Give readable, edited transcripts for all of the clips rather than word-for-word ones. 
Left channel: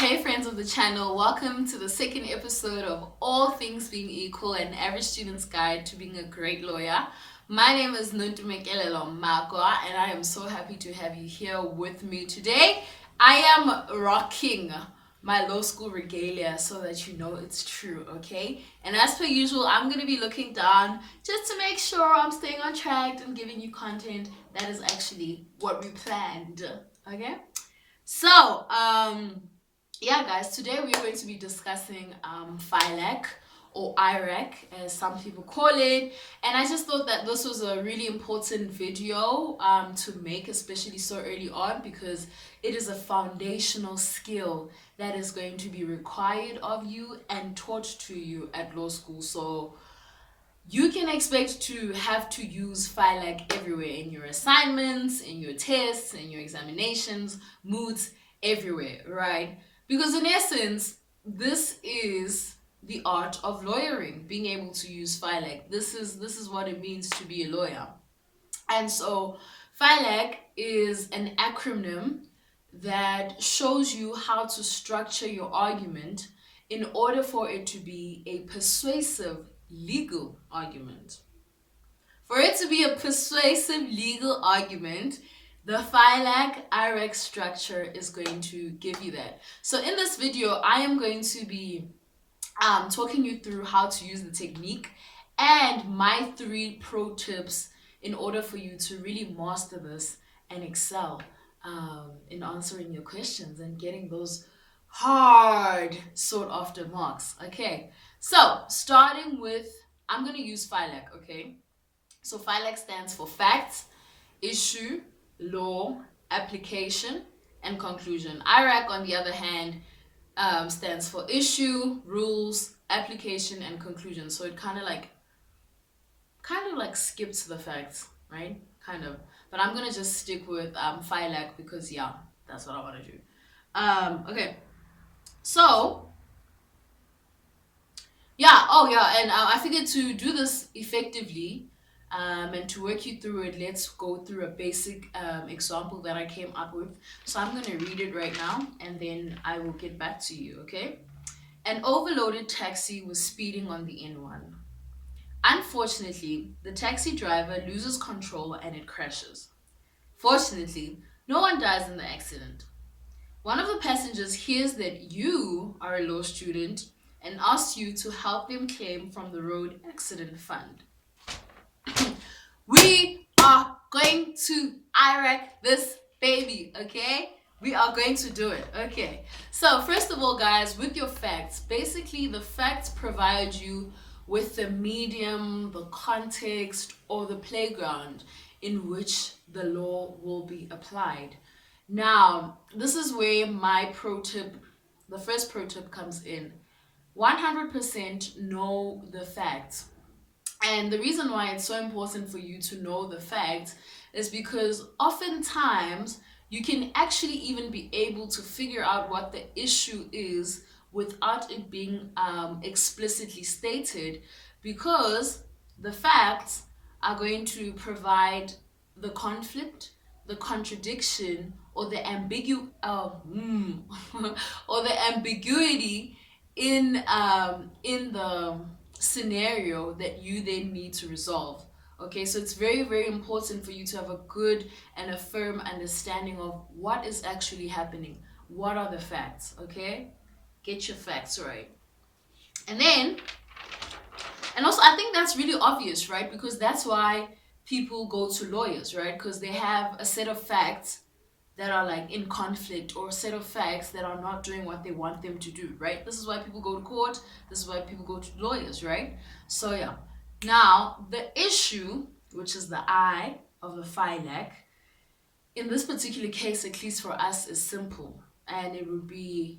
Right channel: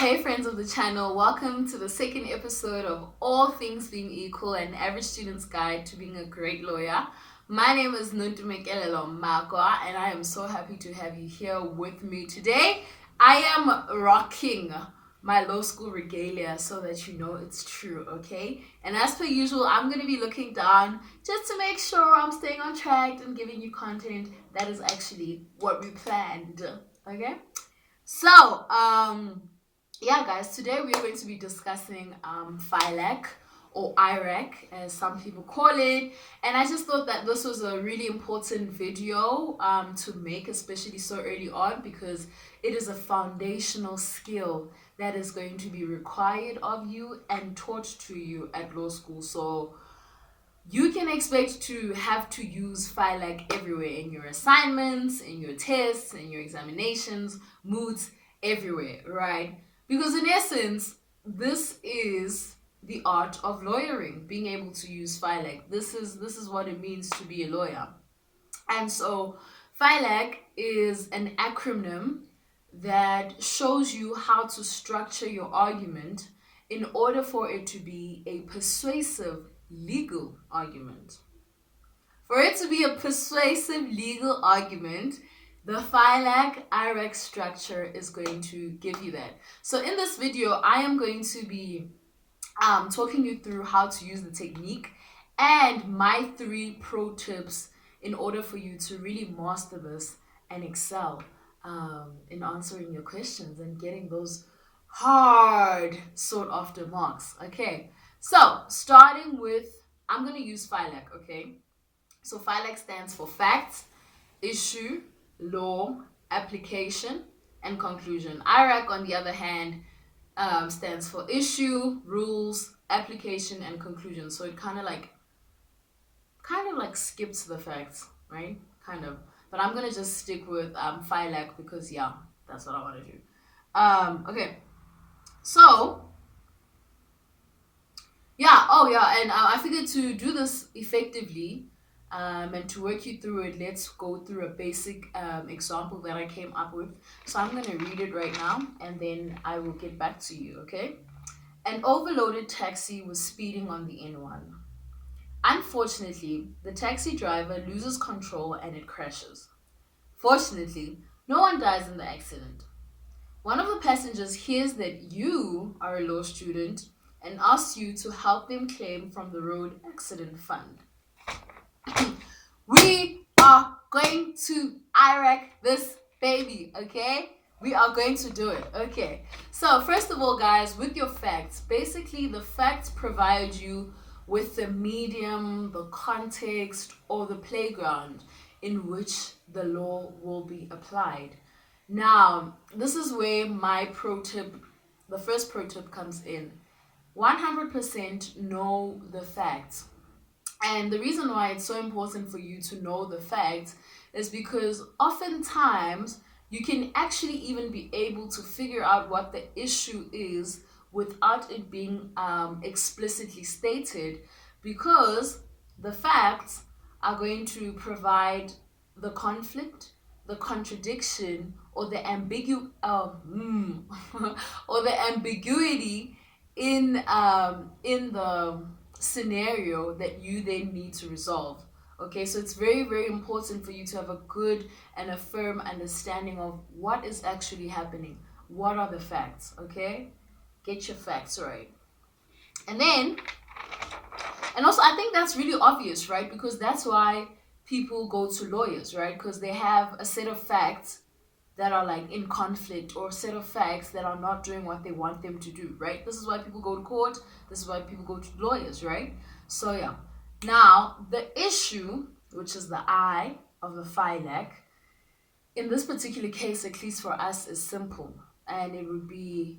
Hey friends of the channel, welcome to the second episode of All Things Being Equal, an average student's guide to being a great lawyer. My name is Nuntumekelelo Magwa and I am so happy to have you here with me today. I am rocking my law school regalia so that you know it's true, okay? And as per usual, I'm going to be looking down just to make sure I'm staying on track and giving you content that is actually what we planned, okay? So, yeah, guys, today we're going to be discussing FILAC or IRAC, as some people call it. And I just thought that this was a really important video to make, especially so early on, because it is a foundational skill that is going to be required of you and taught to you at law school. So you can expect to have to use FILAC everywhere in your assignments, in your tests, in your examinations, moods, everywhere, right? Because in essence, this is the art of lawyering, being able to use FILAC. This is what it means to be a lawyer. And so FILAC is an acronym that shows you how to structure your argument in order for it to be a persuasive legal argument. For it to be a persuasive legal argument, the FILAC IRAC structure is going to give you that. So in this video, I am going to be talking you through how to use the technique and my 3 pro tips in order for you to really master this and excel in answering your questions and getting those hard sought after marks. Okay, so starting with, I'm going to use FILAC, okay? So FILAC stands for facts, issue, law, application, and conclusion. IRAC, on the other hand, stands for issue, rules, application, and conclusion. So it kind of like skips the facts, right? Kind of. But I'm gonna just stick with FILAC because yeah, that's what I want to do. Okay. So yeah, and I figured to do this effectively and to work you through it, let's go through a basic example that I came up with. So I'm going to read it right now and then I will get back to you, okay? An overloaded taxi was speeding on the N1. Unfortunately, the taxi driver loses control and it crashes. Fortunately, no one dies in the accident. One of the passengers hears that you are a law student and asks you to help them claim from the road accident fund. We are going to IRAC this baby, okay? We are going to do it, okay? So first of all, guys, with your facts, basically the facts provide you with the medium, the context, or the playground in which the law will be applied. Now, this is where my pro tip, the first pro tip comes in. 100% know the facts. And the reason why it's so important for you to know the facts is because oftentimes you can actually even be able to figure out what the issue is without it being explicitly stated, because the facts are going to provide the conflict, the contradiction, or the or the ambiguity in the scenario that you then need to resolve. Okay, so it's very, very important for you to have a good and a firm understanding of what is actually happening. What are the facts? Okay, get your facts right. And also I think that's really obvious, right? Because that's why people go to lawyers, right? Because they have a set of facts that are like in conflict, or a set of facts that are not doing what they want them to do, right? This is why people go to court. This is why people go to lawyers, right? So yeah. Now, the issue, which is the I of the FILAC, in this particular case, at least for us, is simple. And it would be,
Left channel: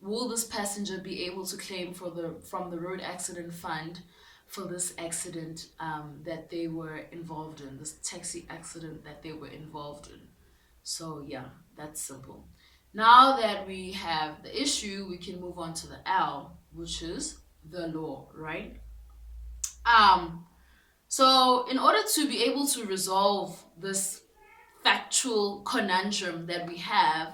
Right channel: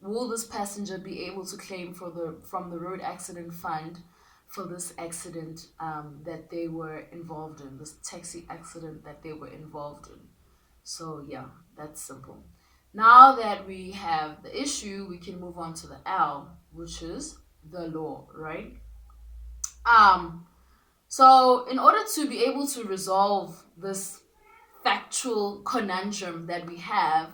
will this passenger be able to claim from the road accident fund for this accident that they were involved in, this taxi accident that they were involved in? So yeah, that's simple. Now that we have the issue, we can move on to the L, which is the law, right? So in order to be able to resolve this factual conundrum that we have,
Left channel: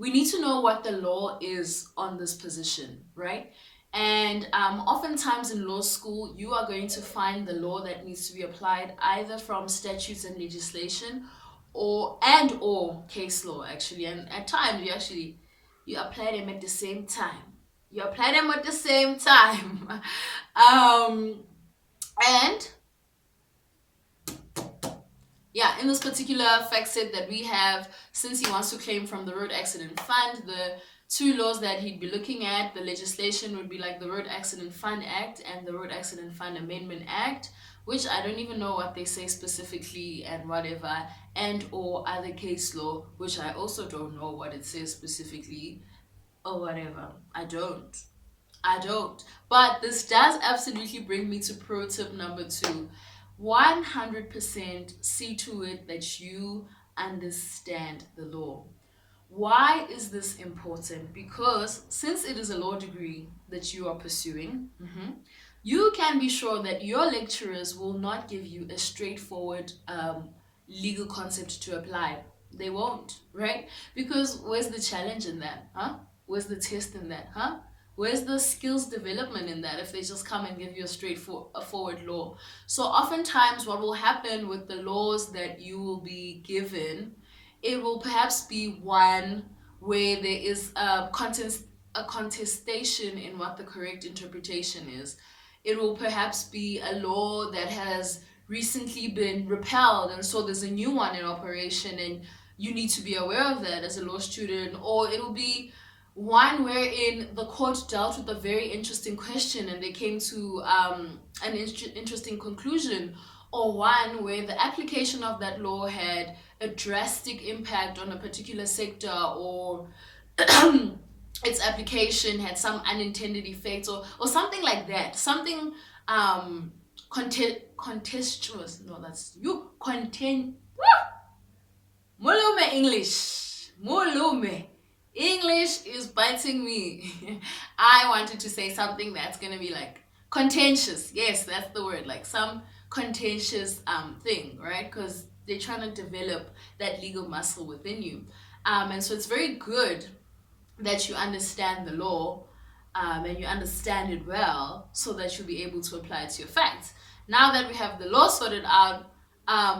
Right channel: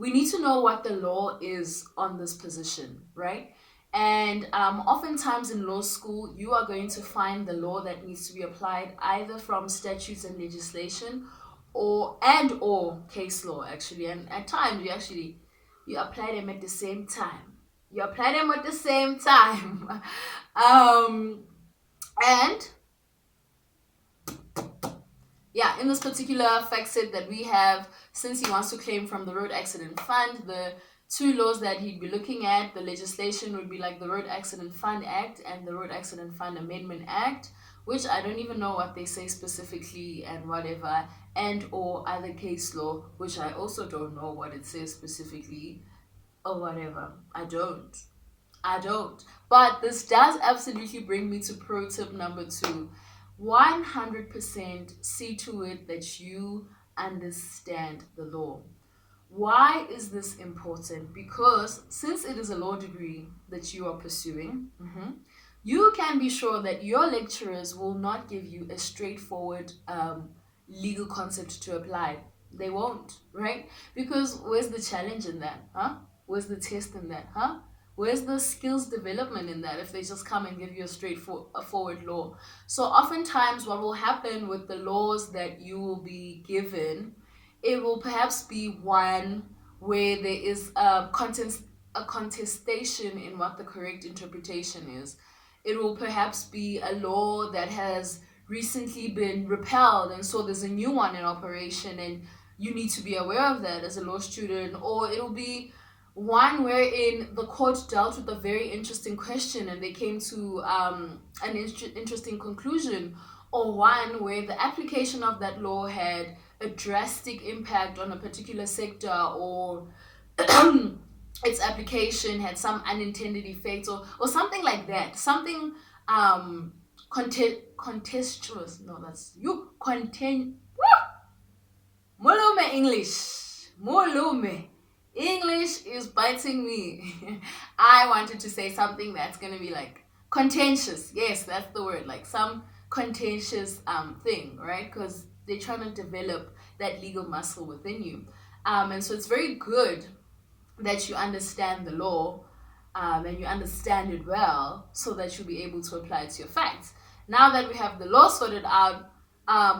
we need to know what the law is on this position, right? And oftentimes in law school, you are going to find the law that needs to be applied either from statutes and legislation or case law, actually. And at times you apply them at the same time. You apply them at the same time. And yeah, in this particular fact set that we have, since he wants to claim from the Road Accident Fund, the two laws that he'd be looking at, the legislation would be like the Road Accident Fund Act and the Road Accident Fund Amendment Act, which I don't even know what they say specifically and whatever, and or other case law, which I also don't know what it says specifically or whatever. I don't. But this does absolutely bring me to pro tip number 2. 100% see to it that you understand the law. Why is this important? Because since it is a law degree that you are pursuing, you can be sure that your lecturers will not give you a straightforward legal concept to apply. They won't, right? Because where's the challenge in that? Where's the test in that? Where's the skills development in that if they just come and give you a straightforward law? So oftentimes what will happen with the laws that you will be given, it will perhaps be one where there is a contestation in what the correct interpretation is. It will perhaps be a law that has recently been repealed, and so there's a new one in operation, and you need to be aware of that as a law student. Or it'll be one wherein the court dealt with a very interesting question and they came to an interesting conclusion, or one where the application of that law had a drastic impact on a particular sector, or its application had some unintended effects, or something like that. Something contentious. No, that's you. Mulume English. Mulume. English is biting me. I wanted to say something that's going to be like contentious. Yes, that's the word. Like some contentious thing, right? Because they're trying to develop that legal muscle within you. And so it's very good that you understand the law and you understand it well so that you'll be able to apply it to your facts. Now that we have the law sorted out,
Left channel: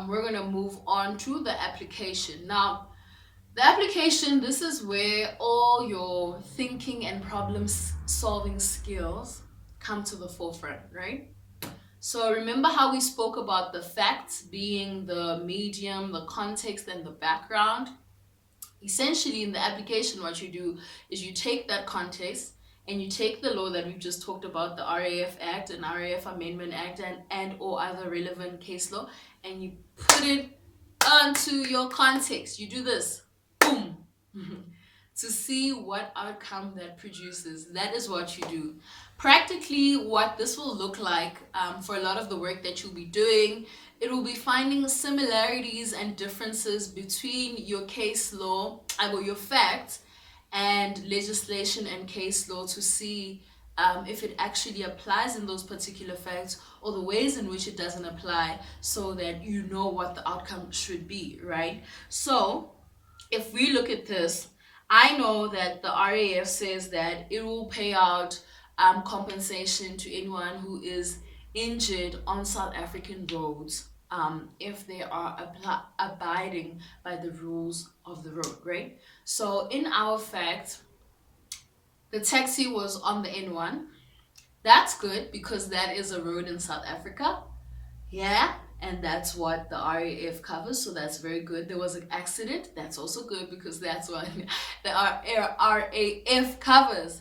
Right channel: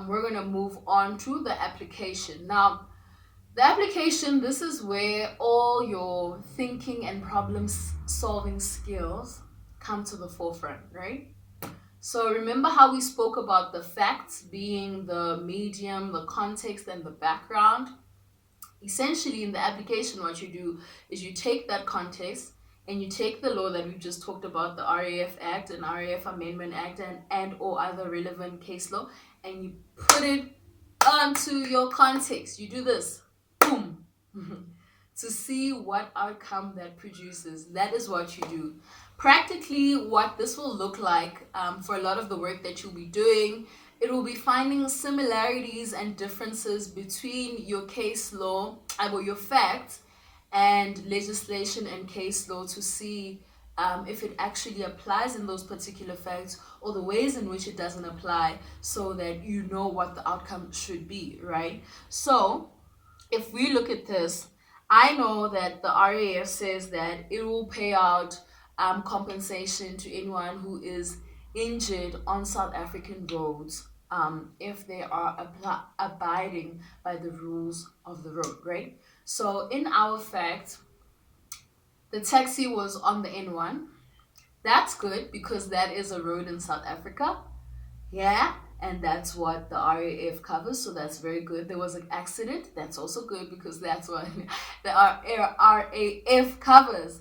we're going to move on to the application. Now, the application, this is where all your thinking and problem solving skills come to the forefront, right? So remember how we spoke about the facts being the medium, the context, and the background? Essentially, in the application, what you do is you take that context and you take the law that we've just talked about, the RAF Act and RAF Amendment Act and or other relevant case law, and you put it onto your context. You do this. Boom. To see what outcome that produces. That is what you do. Practically, what this will look like for a lot of the work that you'll be doing, it will be finding similarities and differences between your case law, or your facts, and legislation and case law to see if it actually applies in those particular facts or the ways in which it doesn't apply, so that you know what the outcome should be, right? So if we look at this, I know that the RAF says that it will pay out compensation to anyone who is injured on South African roads if they are abiding by the rules of the road, right? So in our fact, the taxi was on the N1. That's good because that is a road in South Africa. Yeah, and that's what the RAF covers, so that's very good. There was an accident. That's also good because that's what the RAF covers.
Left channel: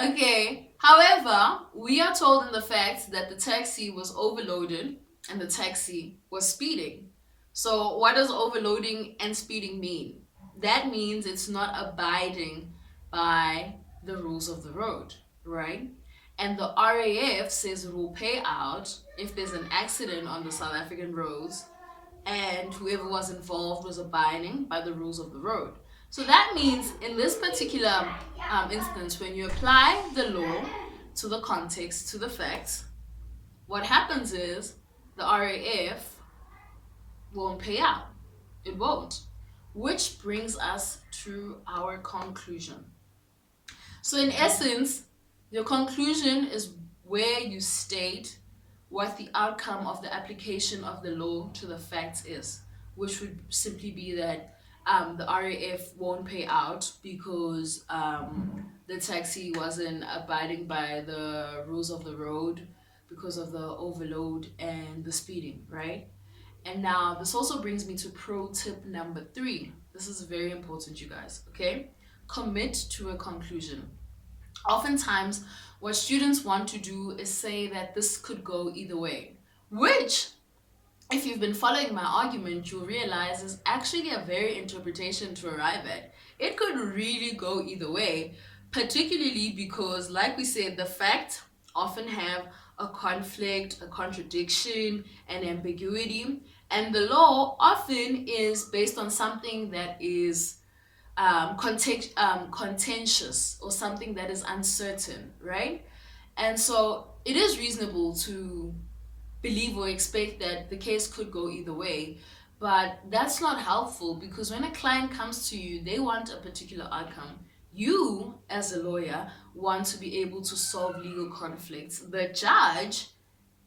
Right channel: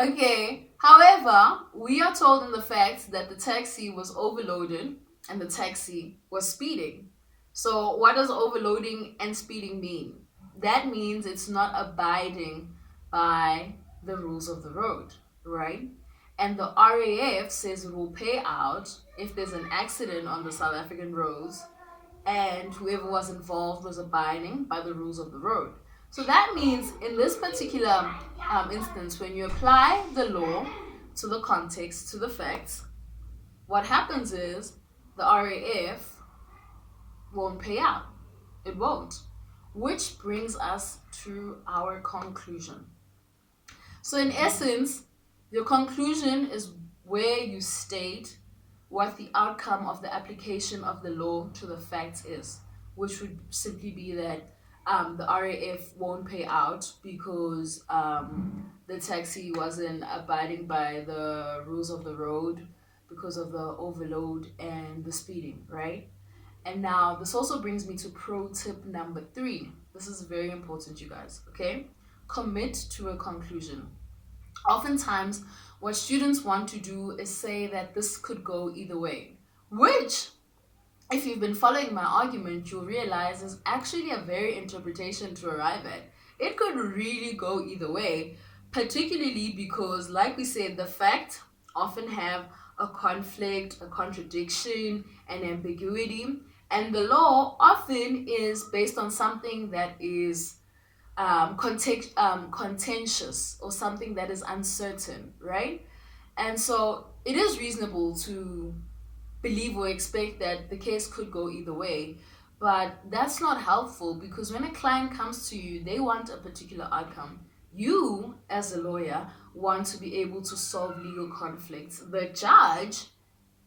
Okay, however, we are told in the facts that the taxi was overloaded and the taxi was speeding. So what does overloading and speeding mean? That means it's not abiding by the rules of the road, right? And the RAF says it will pay out if there's an accident on the South African roads and whoever was involved was abiding by the rules of the road. So that means in this particular instance, when you apply the law to the context, to the facts, what happens is the RAF won't pay out. It won't. Which brings us to our conclusion. So, in essence, your conclusion is where you state what the outcome of the application of the law to the facts is, which would simply be that the RAF won't pay out because the taxi wasn't abiding by the rules of the road because of the overload and the speeding, right? And now this also brings me to pro tip number 3. This is very important, you guys, okay? Commit to a conclusion. Oftentimes, what students want to do is say that this could go either way, which, if you've been following my argument, you'll realize is actually a very interpretation to arrive at. It could really go either way, particularly because, like we said, the facts often have a conflict, a contradiction, an ambiguity, and the law often is based on something that is contentious or something that is uncertain, right? And so it is reasonable to believe or expect that the case could go either way, but that's not helpful because when a client comes to you, they want a particular outcome. You, as a lawyer, want to be able to solve legal conflicts. The judge,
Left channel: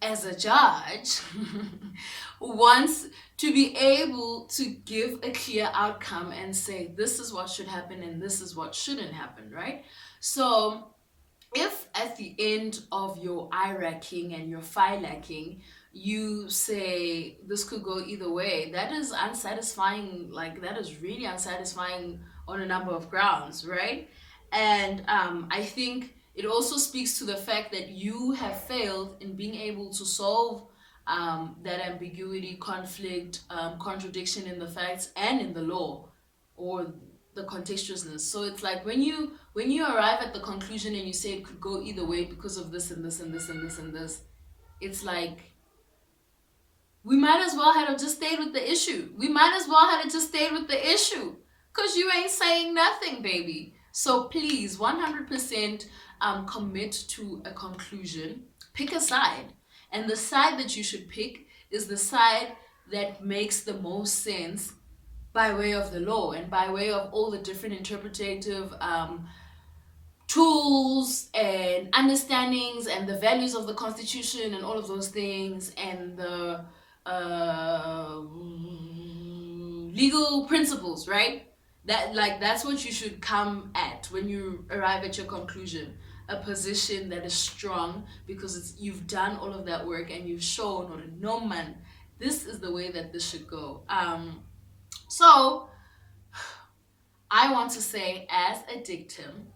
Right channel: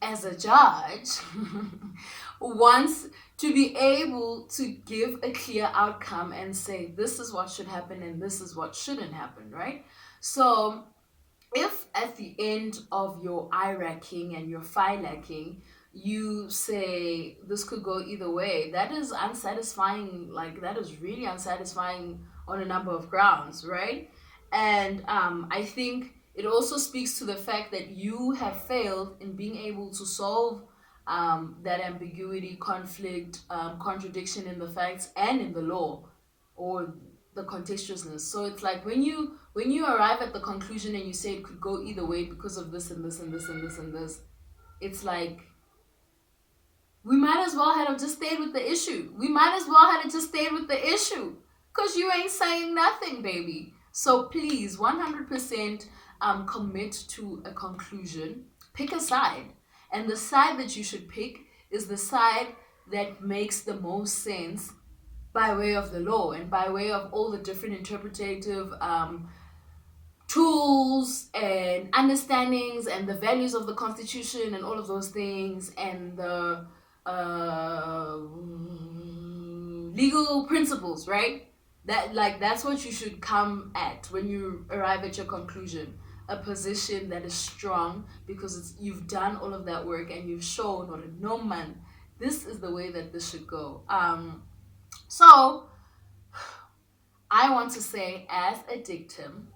as a judge, wants to be able to give a clear outcome and say this is what should happen and this is what shouldn't happen, right? So if at the end of your IRACing and your FILACing you say this could go either way, that is unsatisfying. Like, that is really unsatisfying on a number of grounds, right? And I think it also speaks to the fact that you have failed in being able to solve that ambiguity, conflict, contradiction in the facts and in the law, or the contextualness. So it's like when you arrive at the conclusion and you say it could go either way because of this and this and this and this and this, it's like we might as well have just stayed with the issue. We might as well have just stayed with the issue because you ain't saying nothing, baby. So please, 100% commit to a conclusion. Pick a side. And the side that you should pick is the side that makes the most sense by way of the law and by way of all the different interpretative tools and understandings and the values of the Constitution and all of those things and the legal principles, right? That's what you should come at when you arrive at your conclusion. A position that is strong because you've done all of that work and you've shown, or no man, this is the way that this should go. So I want to say, as a dictum,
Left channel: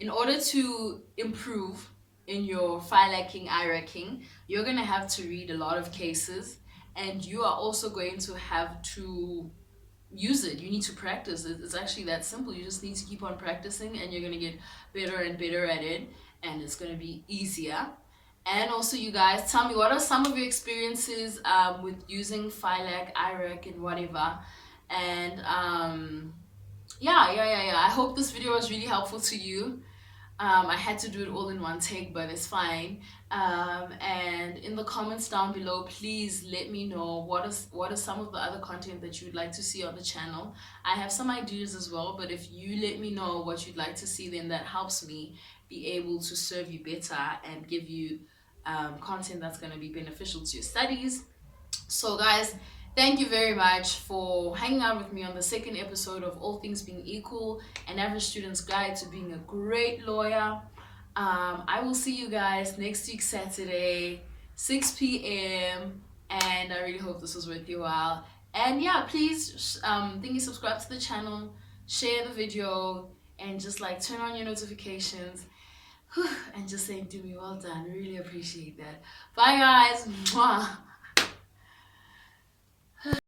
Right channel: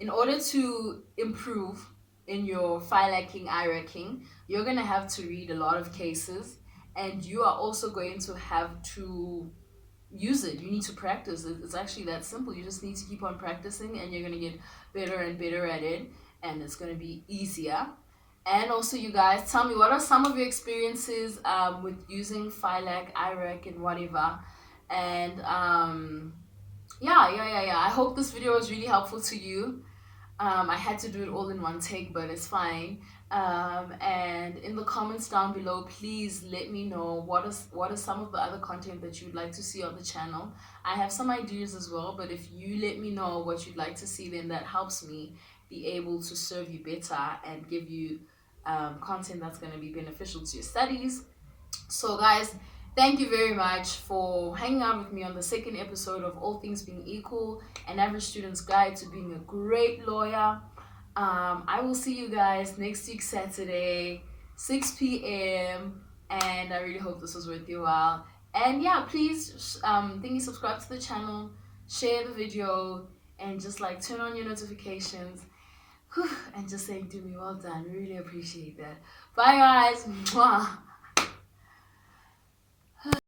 in order to improve in your FILACing, IRACing, you're going to have to read a lot of cases, and you are also going to have to use it. You need to practice. It's actually that simple. You just need to keep on practicing, and you're going to get better and better at it, and it's going to be easier. And also, you guys, tell me, what are some of your experiences with using FILAC, IRAC, and whatever. And yeah. I hope this video was really helpful to you. I had to do it all in one take, but it's fine. And in the comments down below, please let me know what is some of the other content that you'd like to see on the channel. I have some ideas as well, but if you let me know what you'd like to see, then that helps me be able to serve you better and give you content that's going to be beneficial to your studies. So guys, thank you very much for hanging out with me on the second episode of All Things Being Equal, an average student's guide to being a great lawyer. I will see you guys next week, Saturday, 6 p.m. And I really hope this was worth your while. And yeah, please subscribe to the channel, share the video, and just like turn on your notifications. And just saying, do me well done. Really appreciate that. Bye guys. Mwah.